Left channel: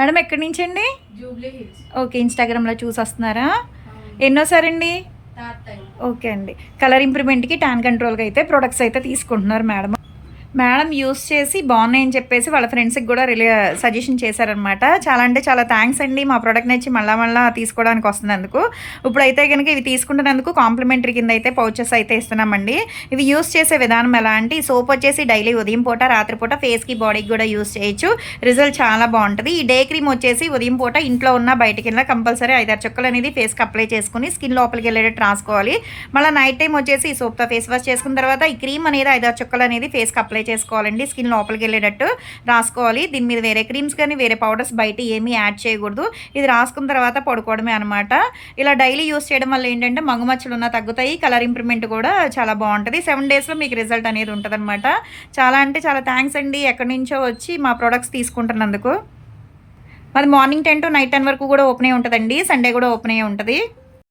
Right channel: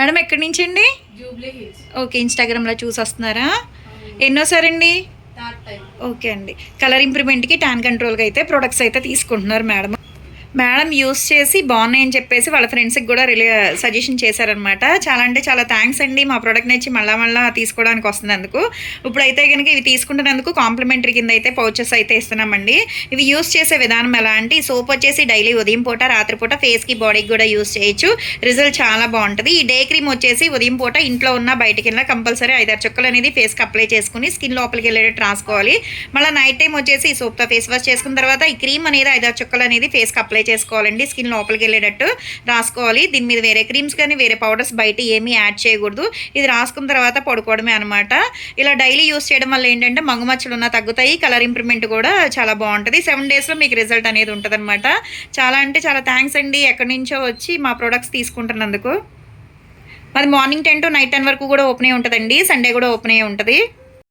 Madam ఎక్కడి నుంచి అండి? ఓకే, ఇన్స్టాగ్రామ్లో చూసి వస్తున్నారా? ఎన్నోసారండి? ఓకే అండి. కలర్ ఇంప్రూవ్మెంట్కి, ట్యాన్ కంట్రోల్కి అయితే ప్రొడక్ట్స్ అయితే తీసుకుంటున్నారు మేడం. మేడం యూస్ చేసి బాగున్నాయని చెప్పేసి వాళ్ళ ఫ్రెండ్స్కి కూడా సజెషన్ చేశారనమాట. చాలా అంటే చాలా థ్యాంక్స్ అండి, మా ప్రోడక్ట్ నచ్చి మళ్ళా తీసుకోవడానికి వస్తున్నందుకు. ఇప్పుడైతే కనుక ఇవి తీసుకుంటున్నందుకు కాంప్లిమెంటరీ కింద అయితే పౌచెస్ అయితే ఇస్తున్నామండి. ఇవి యూస్ చేసే విధానం ఎలా అంటే, ఈ సోప్ వచ్చేసి డైలీ ఉదయం పూట, రాత్రిపూట ఫేస్కి, బాడీకి కూడా యూస్ చేయొచ్చు. రిజల్ట్ చాలా బాగుంటుంది. ఈ డే క్రీమ్ వచ్చేసి ఉదయం పూట ఇంట్లో ఉన్న బయటికి వెళ్ళినా కంపల్సరీ 5-6 చుక్కలు అనేది ఫేస్కి అప్లై చేసుకుని స్కిన్ లోపలికి వెళ్ళేటట్టు రాసుకోవాలి. మళ్ళీ నైట్ టైం వచ్చేసి ఈ సోప్తో ఫేస్ వాష్ చేసుకున్న తర్వాత ఈ క్రీమ్ అనేది 5-6 చుక్కలు అనేది ఫేస్కి అప్లై చేసుకోవాలండి. స్కిన్ లోపలికి వెళ్ళేటట్టు రాసుకోవాలి. దీని మీద వేరే క్రీమ్స్ కానీ వేరే పౌడర్స్ బయట ఏమీ యాడ్ చేయకూడదు. ఇది రాసుకున్న తర్వాత పడుకోవడమే అనమాట. ఇలా డైలీ యూస్ చేయడం వల్ల ఏంటంటే మగుమచ్చలు ఉన్న తగ్గుతాయి, కలర్ ఇంప్రూవ్మెంట్ కూడా చాలా బాగుంటుంది. 7 డేస్లో మీకు రిజల్ట్ అనేది ఉంటుంది అనమాట. చాలా అంటే చాలా థ్యాంక్స్ అండి, ఎక్కడి నుంచో వచ్చి మా ప్రోడక్ట్స్ తీసుకుంటున్నందుకు. మాది మార్నింగ్ 10 to నైట్ 10 వరకు కూడా ఓపెన్ అయి ఉంటుందండి. సండే కూడా ఓపెన్ అయి ఉంటుంది.